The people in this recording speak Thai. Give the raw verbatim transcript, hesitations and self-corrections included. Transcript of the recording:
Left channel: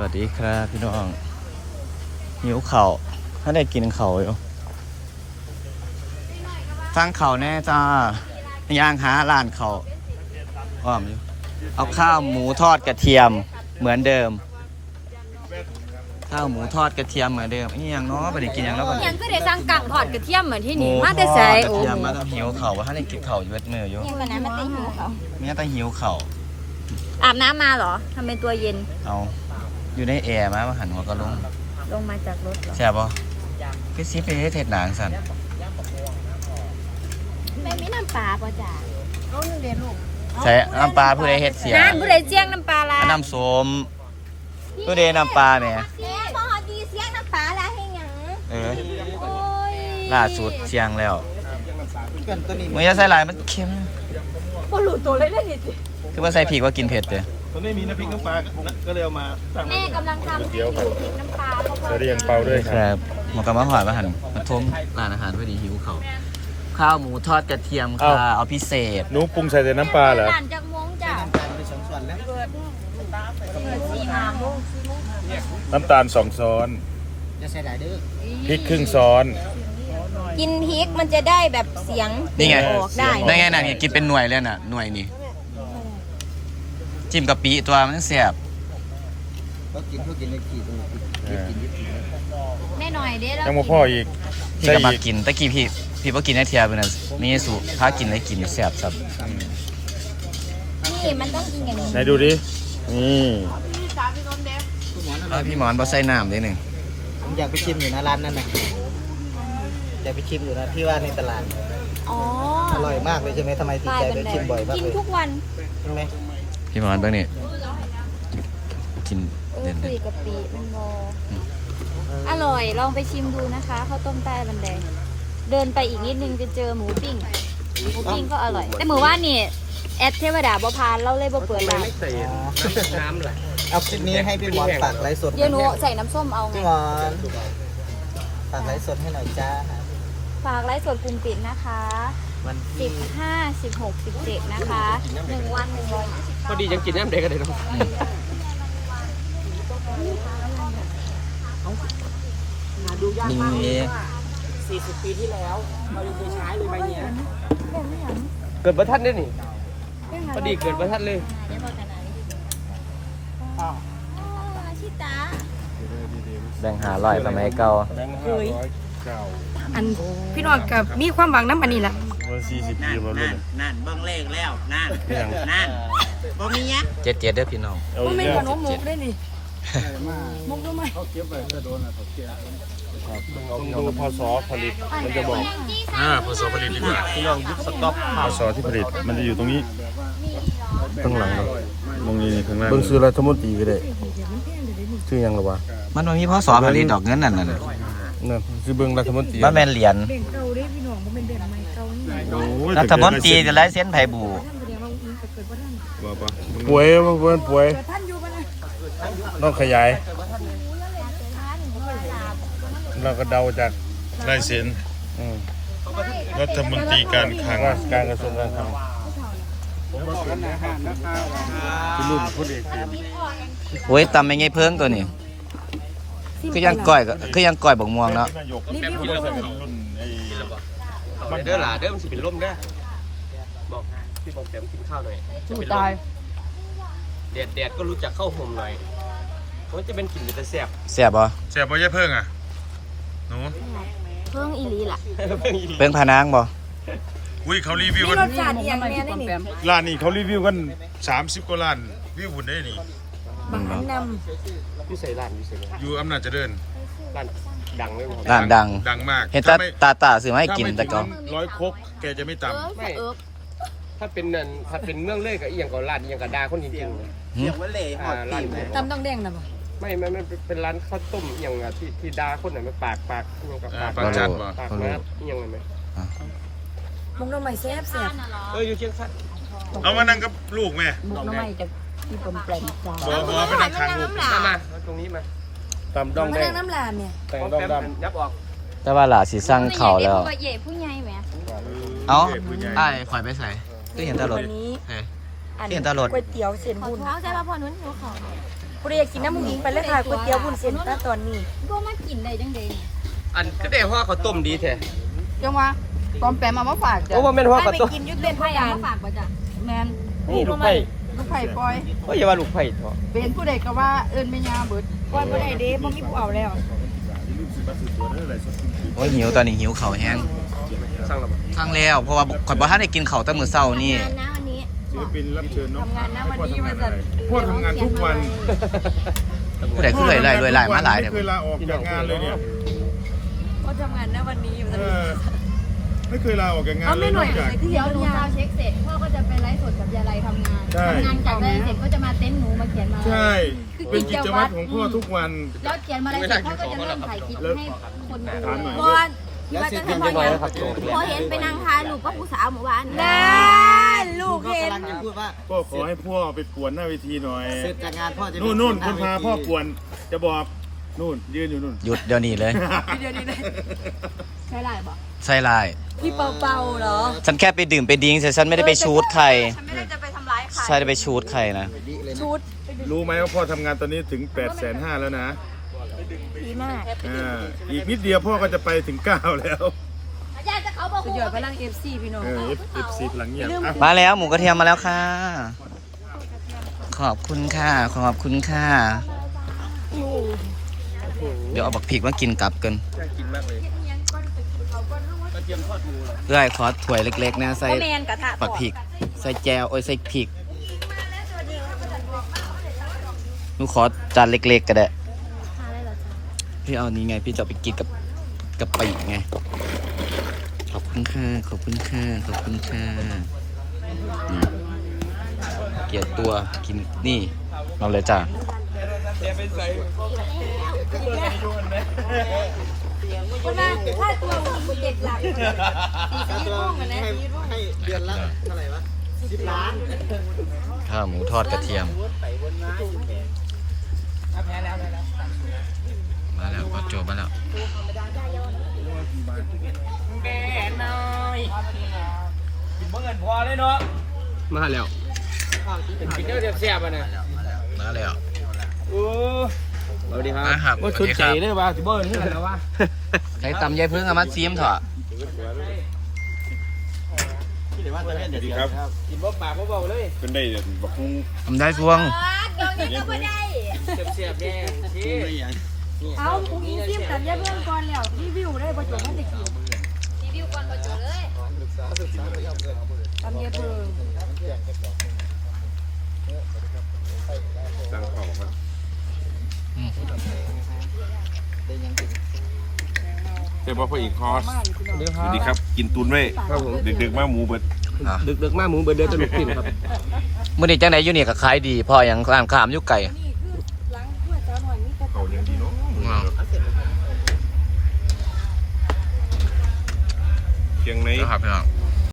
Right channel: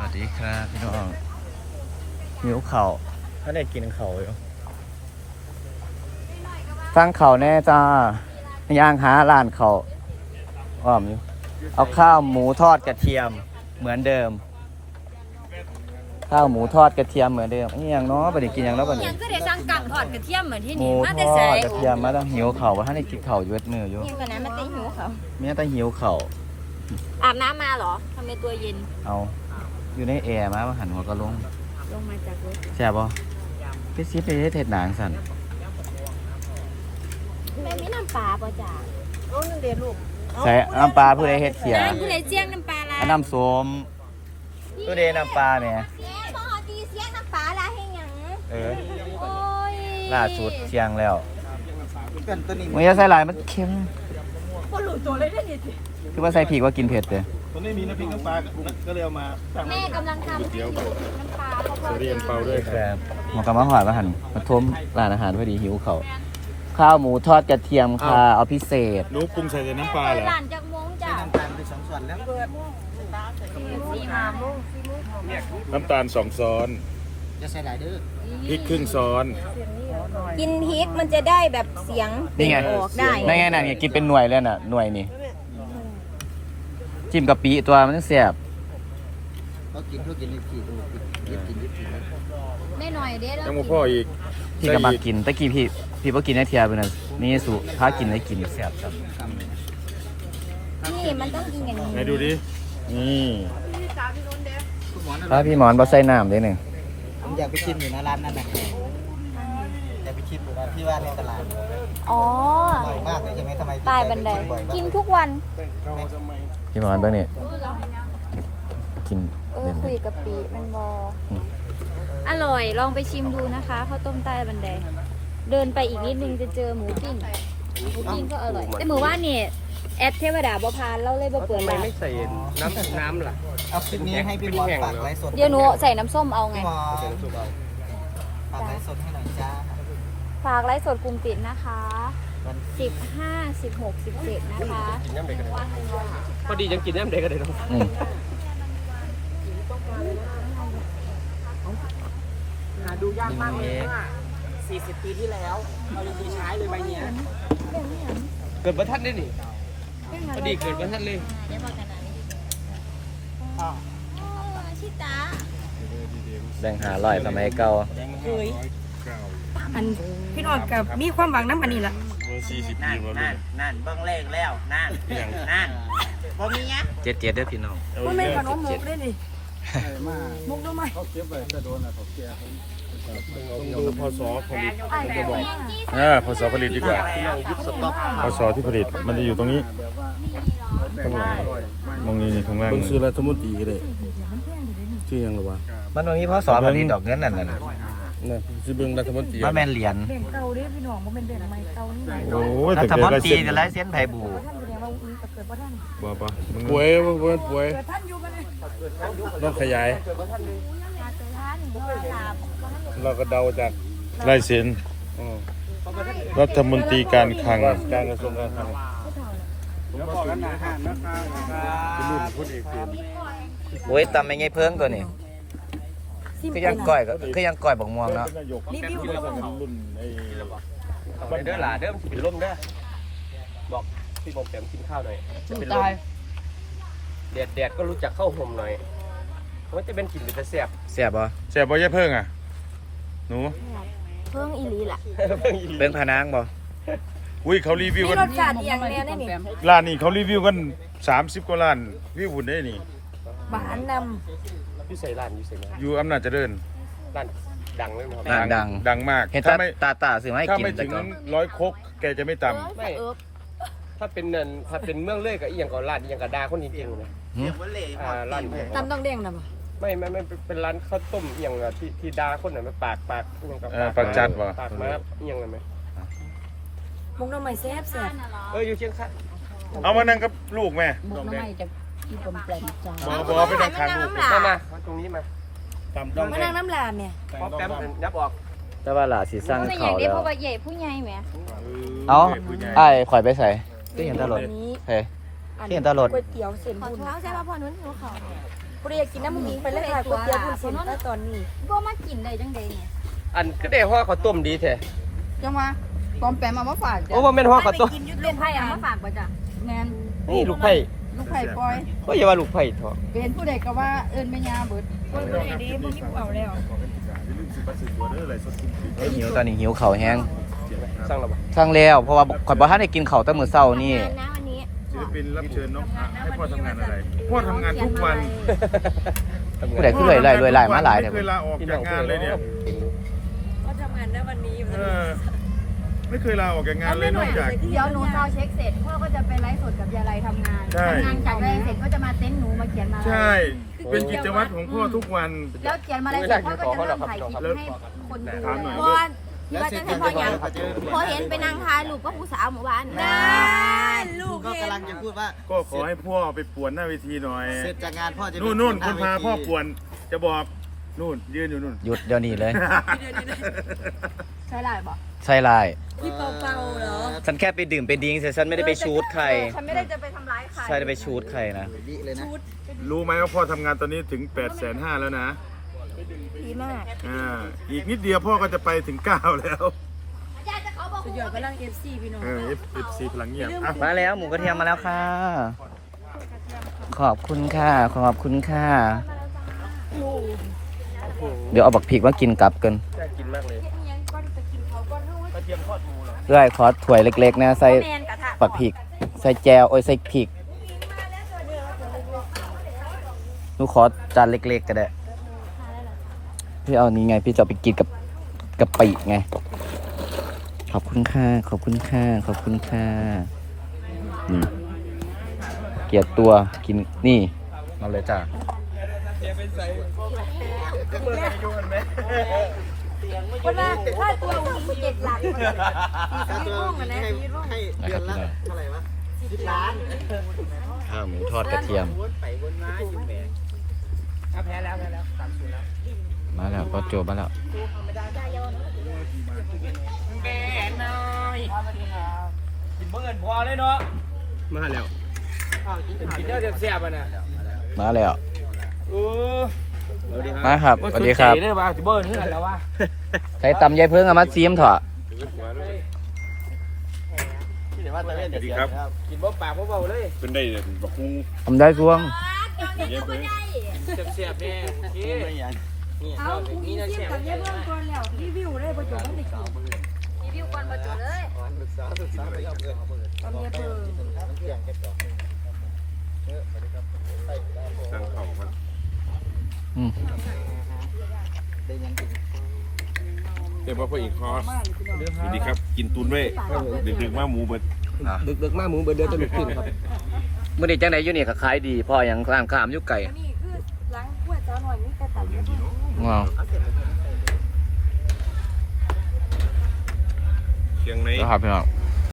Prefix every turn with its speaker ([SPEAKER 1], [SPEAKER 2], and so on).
[SPEAKER 1] วัสดีครับพี่น้องหิวเข่าถ้าได้กินเข่าอยู่ฟังเข่าแน่จ้าย่างหาร้านเข่าอ้อมเอาข้าวหมูทอดกระเทียมเหมือนเดิมข้าวหมูทอดกระเทียมเหมือนเดิมนี่ยังเนาะไปได้กินยังแล้วก่อน
[SPEAKER 2] ยังคือได้สั่งกังทอดกระเทียมเหมือนที่
[SPEAKER 1] หมู
[SPEAKER 2] นี่มา
[SPEAKER 1] ท
[SPEAKER 2] แต่
[SPEAKER 1] อ
[SPEAKER 2] ใส่
[SPEAKER 1] ดกระเทียมมาต้องหิวเข่าว่าถ้าได้กินเข่าอยู่เวทเนื้ออยู่
[SPEAKER 2] ยังก่อนนะมาตีหิวเขา
[SPEAKER 1] เมียต้องหิวเข่า
[SPEAKER 2] อาบน้ำมาเหรอทำเป็นตัวเย็น
[SPEAKER 1] เอาอยู่ในแอร์มาว่าหันหัวก็ลง
[SPEAKER 2] ลงมาจากรถ
[SPEAKER 1] แซ่บป่ะพี่ซีไปเฮ็ดเห็ดหนังสัน
[SPEAKER 2] ไม่มีน้ำปลาป่ะจ้าโอ้ยเรียนลูก
[SPEAKER 1] ใส่น้ำปลาผู้ใดเฮ็ดเสีย
[SPEAKER 2] น้ำผู้ใดเจียงน้ำปลาละ
[SPEAKER 1] อันน้ำส้มผู้ใดน้ำปลาแหม่
[SPEAKER 2] เสียพอดีเสียงน้ำปลาละให้หยัง
[SPEAKER 1] เออ
[SPEAKER 2] โอ้ย
[SPEAKER 1] ล่าสุดเชียงแล้วมึงจะใส่หลายมันเค็ม
[SPEAKER 2] พอหลุดตัวเลยได้ดิสิ
[SPEAKER 1] คือว่าใส่ผีกว่ากินเผ็ดเด้อ
[SPEAKER 3] ตอนนี้มีน้ำพริกน้ำปลาก็เลยเอามาสั่ง
[SPEAKER 2] แม่กำลังทำให้อยู่น้ำปลาเพราะว่า
[SPEAKER 3] เรียงเปล่าเลย
[SPEAKER 1] แซ่บหมอกำมาหอยมาหันมาทุ่มร้านอาหารพอดีหิวเขาวข้าวหมูทอดกระเทียมค่ะเอาพิเศษ
[SPEAKER 3] หนูปรุงใส่แต่น้ำปลาเหรอ
[SPEAKER 2] ร้านจากมงจ้า
[SPEAKER 3] ไปสองส่วนแล้ว
[SPEAKER 2] เปิดสี่โมงโมง
[SPEAKER 3] น้ำตาลสองช้อนพริกครึ่งช้อน
[SPEAKER 2] กินพริกมันจะได้แบบเสียง
[SPEAKER 1] นี่ไง
[SPEAKER 2] ออกได้
[SPEAKER 1] นั่นไงน่ะนี่กินเป็นหน่วยเลยน่ะหน่วยนี่จิ้มกะปิตัวมันแซ่บ
[SPEAKER 4] ก็กินเขากินเลยกี่ตัวยิบกินยิบกินเลย
[SPEAKER 2] ไม่หน่อยเด้แล้ว
[SPEAKER 3] ยังมาพ่ออีก
[SPEAKER 1] พี่ก็มากินตะกี้พี่พี่บ่กินได้เทียเพิ่นน่ะมีสุพากินได้กินแซ่บครับ
[SPEAKER 2] นี่มันต้องกินอย่างนี้
[SPEAKER 3] ไหนดูดิ
[SPEAKER 1] นี่ถ้าพี่หมอนบ่ใส่น้ำเด้หนึ่ง
[SPEAKER 4] ผมอยากไปชิมอยู่นะร้านนั้นนะอยากไปชิมอยู่นะที่ว่าในตลาด
[SPEAKER 2] อ๋อ
[SPEAKER 4] อร่อยมากเลยใช่ไหมทำไมพี่
[SPEAKER 2] ตาย
[SPEAKER 4] ใจ
[SPEAKER 2] บัน
[SPEAKER 4] ไป
[SPEAKER 2] ได
[SPEAKER 4] ชิมบ่อยมาก
[SPEAKER 2] กิน
[SPEAKER 4] เลย
[SPEAKER 2] ทุกวัน
[SPEAKER 4] ใช่ไหม
[SPEAKER 1] พี่หมอนเบิ่งนี่กิน
[SPEAKER 2] เออ
[SPEAKER 1] เด่น
[SPEAKER 2] คุยกับปีมันบออร่อยลองไปชิมดูนะคะข้าวต้มใต้บันไดเดินไปอีกนิดนึงจะเจอหมูปิ้งหมูปิ้งก็อร่อยแต่หมูว่านี่แอดเทวดาบ่พานเราเลยบ่เปิดร้าน
[SPEAKER 4] เอาคลิปนี้ให้พี่หมอนฝากไลฟ์สด
[SPEAKER 2] เดี๋ยวหนูใส่น้ำส้มเอาไง
[SPEAKER 4] พี่หมอนฝากไลฟ์สดให้หน่อยจ้า
[SPEAKER 2] ฝากไลฟ์สดกลุ่มปิดนะคะสิบห้า สิบหก สิบเจ็ดนะคะหนึ่งวันเลยค่ะ
[SPEAKER 5] พอดียังกินน้ำเด็กกันเลยเนาะ
[SPEAKER 1] อืม
[SPEAKER 5] หาดูยากมากเลย
[SPEAKER 1] นี่
[SPEAKER 5] ว่าสี่สิบปีที่แล้วเรายังเคยใช้เลยใบเนี้ย
[SPEAKER 2] เรื่องนี้เหรอ
[SPEAKER 5] เกิดประทัดได้นี่
[SPEAKER 2] เรื่อง
[SPEAKER 5] พ
[SPEAKER 2] อะไร
[SPEAKER 5] อดีเกิดประทัดเลย
[SPEAKER 2] เดี๋ยวบอกกันนะอ๋อชิตา
[SPEAKER 1] แบ่งหาร้อยสมัยเก่า
[SPEAKER 3] เคยเก้า
[SPEAKER 6] อันพี่น้องกับมีความหวังน้ำอันนี้แหละ
[SPEAKER 3] สี่สิบปีมาเลย
[SPEAKER 4] นั่นเบิ้งเลขแล้วนั่น
[SPEAKER 3] อย่าง
[SPEAKER 4] นั่นบ่มีเงี้ย
[SPEAKER 1] เจ็ดเจ็ดเด้อพี่น้อง
[SPEAKER 6] ว่าแม่นขนมหมกได้นี่หมกได้ไหม
[SPEAKER 3] ต้องดูพศผลิตมันจะบอกอ่าพศผลิตดีกว่าพศที่ผลิตมันจะอยู่ตรงนี้ข้างหลังตรงนี้ข้างล่างเบิ่งซื้อรัฐมนตรีก็ได้ชื่อยังหรอวะ
[SPEAKER 1] มันบ่มีพศผลิตดอกเงินนั่นน่ะ
[SPEAKER 3] นั่นคือเบิ่งรัฐมนตรี
[SPEAKER 1] มันแม่นเหรียญ
[SPEAKER 6] แบ่งเก่าเด้พี่น้องบ่แม่นแบ่งใหม่เก่านี่ไง
[SPEAKER 3] โอ้ย
[SPEAKER 1] รัฐมนตรีจะไล่เส้นไผบู
[SPEAKER 6] ท่านแสดงว่าอุ้งก็เกิดบ่ทัน
[SPEAKER 3] ป่วยเบิ่งป่วย
[SPEAKER 6] เกิดท่านอยู่บ่นะ
[SPEAKER 3] ต้องขยายเราก็เดาจากลายเซ็นรัฐมนตรีการคลังการกระทรวงการคลัง
[SPEAKER 1] โอ้ยตำไม่ไงเพิ่งตัวนี้คือยังก้อยก็คือยังก้อยบักม่วงเนาะ
[SPEAKER 6] รีวิวด้วย
[SPEAKER 5] เด้อหล่ะเด้อมันสิเป็นลมเนี่ยบอกพี่บอกแกมกินข้าวหน่อย
[SPEAKER 6] ถูกตาย
[SPEAKER 5] แดดแดดก็รู้จักเข้าห่มหน่อยมันจะเป็นกลิ่นจะแสบ
[SPEAKER 1] แซ่บบ่
[SPEAKER 3] แซ่บบ่ยายเพิ่งอ่ะหนู
[SPEAKER 2] เพิ่งอีหลีล่ะ
[SPEAKER 1] เพิ่งพานางบ่
[SPEAKER 3] อุ้ยเขารีวิว
[SPEAKER 6] มี
[SPEAKER 3] กัน
[SPEAKER 6] รสชาติอีหยังแน่นี่
[SPEAKER 3] ร้านนี้เขารีวิวกันสามสิบกว่าล้านวิวหุ่นได้นี่
[SPEAKER 6] บานน
[SPEAKER 5] พี่ใส่ร้านพี่ใส่ร้าน
[SPEAKER 3] อยู่อำนาจเจริญ
[SPEAKER 5] ร้านดังเลยมั้ง
[SPEAKER 1] ร้านดัง
[SPEAKER 3] ดังมาก
[SPEAKER 1] เห็นตาตาตาซื้อมาให้กินแต่ก็
[SPEAKER 3] ถ้าไม่ถึงร้อยครกแกจะไม่
[SPEAKER 2] เอิ
[SPEAKER 3] ต่ำ
[SPEAKER 2] บเอิบ
[SPEAKER 5] ถ้าเป็นนั่นถ้าเป็นเมืองเลยกับอีหยังก็ร้านอีหยังก็ดาคนจริงๆนะ
[SPEAKER 1] หึ
[SPEAKER 5] อ่าร้าน
[SPEAKER 6] ำน้ำต้องแดงนะบ่
[SPEAKER 5] ไม่ไม่ไม่เป็นร้านข้าวต้มอหย่างอะที่ที่ดาคนน่ะมันปากปากอหย่างกับ
[SPEAKER 3] เออ
[SPEAKER 5] ปาก
[SPEAKER 3] ปักจัดบ่
[SPEAKER 5] ปากน้ำอหย่างนั้นไหม
[SPEAKER 6] หมกหน่อไม้แซ่บแซ่บ
[SPEAKER 5] เอออยู่เชียงคาน
[SPEAKER 3] เอามานั่งกับลูกแม่
[SPEAKER 6] หมกหน่อไม้จะที่ปมแปลงจ้า
[SPEAKER 3] บอบอไปนั่งทางลูก
[SPEAKER 5] มามาตรงนี้มา
[SPEAKER 3] ตำดอง
[SPEAKER 6] มา
[SPEAKER 3] แด
[SPEAKER 6] นั่
[SPEAKER 3] ง
[SPEAKER 6] งน้ำลาเนี่ย
[SPEAKER 3] แต่ง
[SPEAKER 5] พอ
[SPEAKER 3] ดอง
[SPEAKER 5] แป๊บ
[SPEAKER 3] ดำ
[SPEAKER 5] ยับออก
[SPEAKER 1] แต่ว่าหลาสิสร้างเขาแล้ว
[SPEAKER 2] ผู้ใหญ่ผู้ใหญ่แหม
[SPEAKER 1] เอ้าอ้ายข่อยไปใส่คือเห็นตารถเฮ้ยคือเห็นตารถ
[SPEAKER 6] ก๋วยเตี๋ยวเส้น
[SPEAKER 2] ขอโทษใช่ป่ะพอนุ่นหิวเขาเนี่ย
[SPEAKER 6] กูเรียกกินน้ำมูกไปเลยค่ะก๋วยเตี๋ยวคุณเส้นตอนนี้
[SPEAKER 2] บ่มากินได้จังไดเนี่ย
[SPEAKER 5] อันก็ได้ห่อข้าวต้มดีแท้
[SPEAKER 6] จังว่าตอมแปมเอามาฝากจ้ะ
[SPEAKER 5] โอ้บ่แม่นห่อข้าวต้ม
[SPEAKER 6] กินยุทธ
[SPEAKER 2] เป็
[SPEAKER 6] เป็น น
[SPEAKER 2] ไผ่
[SPEAKER 6] ไผ่
[SPEAKER 2] เอา
[SPEAKER 6] ยั
[SPEAKER 2] มาฝากบ่จ้ะ
[SPEAKER 6] แมน
[SPEAKER 5] นี่ลูกไผ่
[SPEAKER 6] ลูกไผ่ปล่อย
[SPEAKER 5] เฮ้ยอย่าว่าลูกไผ่เถอะ
[SPEAKER 6] เป็นผู้ใดก็ว่าเอิญไม่ยาเบิดปล่อยผู้ใดเด้บ่มีผู้เอาแล้ว
[SPEAKER 1] โอ้ยหิวตอนนี้หิวเข่าวแห้ง
[SPEAKER 5] สั่งแล้ว
[SPEAKER 1] ฟังแล้วเพราะว่าข่อยบ่ทันได้กินข้าวแต่มื้อเช้านี่
[SPEAKER 2] งานนะวันนี้
[SPEAKER 3] ศิลปินรับเชิญน้องให้พ่อทำงานอะไรพ่อทำงานทุกวัน
[SPEAKER 1] ผู้ใดคือรวยรวยรวยมาหลาย
[SPEAKER 3] ไม่
[SPEAKER 1] เนี่ย
[SPEAKER 3] เคยลาออกจากงานเลยเนี่ย
[SPEAKER 6] ก็ทำงานณวันนี้
[SPEAKER 3] เออไม่เคยลาออกจากงานเลยนอกจาก
[SPEAKER 2] เดี๋ยวหนูซาวเช็คเสร็จพ่อก็จะไปไลฟ์สดกับยายไรทำงาน
[SPEAKER 3] ใช่
[SPEAKER 2] ทำงานจากไลฟ์เสร็จก็จะมาเต็นท์หนูมาเขียนมา
[SPEAKER 3] ใช่ เป็นกิจวัตรของพ่อทุกวัน
[SPEAKER 2] แล้วเขียนมาอะไรเสร็จพ่อก็จะเริ่มถ่ายคลิปให้คนดู
[SPEAKER 3] ถามหน่อย
[SPEAKER 2] บอลที่ว่าจะทำพอยังพอเห็นไปนั่งทายลูกก็ผู้สาวหมู่บ้านนะลู
[SPEAKER 4] ลู
[SPEAKER 2] ก
[SPEAKER 4] กก็
[SPEAKER 2] เห็น
[SPEAKER 4] กำลังจะพูดว่า
[SPEAKER 3] ก็ขอให้พ่อไปป่วนหน้าเวทีหน่อย
[SPEAKER 4] เสร็จจากงานพ่อจะ
[SPEAKER 3] นู่นนู่นคนพาพ่อป่วนจะบอกนู่นยืนอยู่นู่น
[SPEAKER 1] หยุดเดี๋ยวนี้เลย
[SPEAKER 2] ใช่ไรบอก
[SPEAKER 1] ใช่ลาย
[SPEAKER 6] พี่เปาๆเหรอ
[SPEAKER 1] ฉันแค่ไปดื่มไปดิ้งแต่ฉันไม่ได้ไปชูดใคร
[SPEAKER 2] ฉันไม่ได้จะไปทำร้ายใคร
[SPEAKER 1] ใช่ได้ไปชูดใครนะ
[SPEAKER 4] ดิเลยนะ
[SPEAKER 6] ชุด
[SPEAKER 3] รู้ไหมว่าพ่อทำงานตอนนี้ถึง8ปดแสนห้าแล้วนะ
[SPEAKER 6] ดีมาก
[SPEAKER 3] อ่าอีกนิดเดียวพ่อก็จะไปถึงเก้าแล้ว
[SPEAKER 6] สุดยอดพลัง เอฟ ซี พี่น้อง
[SPEAKER 3] เออ F F C พลังเงียบอ่ะ
[SPEAKER 1] มาแล้วหมูกระเทียมมาแล้วค่ะ ขอบคุณค่ะ ขอบคุณค่ะ เดี๋ยวเอาบักพริกมากินกลับกัน
[SPEAKER 5] น่ากินมากเลยกระเทียมทอดมือ
[SPEAKER 1] เอ้ยขอถ้วยเล็กๆนะใส่
[SPEAKER 2] แมนกระทะ
[SPEAKER 1] บักพริก ใส่แจวโอ้ยใส่พริกหนูขอจานเล็กๆก็ได้ พี่เอานี้ไง พี่จะเอาไปกินกับกับปีกไง ขอบคุณค่ะ ขอบคุณค่ะ ขอบคุณค่ะนี่เกลียดตัวกินนี่เอาเลยจ้ะ
[SPEAKER 2] คนละถ้าตัวมีเจ็ดหลัก
[SPEAKER 4] ค่าตัวให้ให้เดือนละเท่าไหร่วะสิบล้าน
[SPEAKER 1] ข้าวหมูทอดกระเทียม
[SPEAKER 4] วนไปวนมาอยู่แหม
[SPEAKER 5] แพ้แล้วแพ้แล้วสามศูนย์แล้ว
[SPEAKER 1] มาแล้วก็โจมาแล้ว
[SPEAKER 5] แม่น้อยกินเมื่อเงินพอเลยเนาะมาแล้วกินเนื้อเสียบๆอ่ะนะ
[SPEAKER 1] มาแล้ว
[SPEAKER 5] โอ้สวัสดีครับ
[SPEAKER 1] มาครับ
[SPEAKER 5] ว่า
[SPEAKER 1] สวั
[SPEAKER 5] ชุ
[SPEAKER 1] ส
[SPEAKER 5] ด
[SPEAKER 1] ดีค
[SPEAKER 5] ใจ
[SPEAKER 1] รับ
[SPEAKER 5] ได้ป่ะที่เบิ้ลนี่แล้ววะ
[SPEAKER 1] ใช้ตำยายเพิ่งเอามาซีมเถอะ
[SPEAKER 3] สวัสดีครับ
[SPEAKER 5] กินบ่ปากบ่เบาเลย
[SPEAKER 3] เป็นได้บักฮุง
[SPEAKER 1] ทำได้สวง
[SPEAKER 5] เสียบๆแม่พี่
[SPEAKER 6] เอาอุ้งอิงจิ้มกับยายเบื้องก่อนแล้วรีวิวได้ประจวบว่าจะกิน
[SPEAKER 2] รีวิวก่อนพอจบเลย
[SPEAKER 6] ตำยายเบื้อง
[SPEAKER 3] ตั้งเข่าครับ
[SPEAKER 1] อืม
[SPEAKER 4] ได้ยังกิน
[SPEAKER 3] เรียกว่าพ่ออีกคอสสวัสดีครับ กินตุนไว้ดึกๆมาหมูเบิด
[SPEAKER 1] อ่ะ
[SPEAKER 5] ดึกๆมากหมูเบอร์เดือดจะลุกขึ้นครับ
[SPEAKER 1] มื่อนี้จังไหนอยู่นี่ก็ขายดีเพออย่างร้านข้ามอยู่ไก่
[SPEAKER 6] นี่คือล้างขวดจอหน่อยนี่กระตับ
[SPEAKER 1] ว้าว
[SPEAKER 3] เชียงใน
[SPEAKER 1] แล้วครับพี่น้อง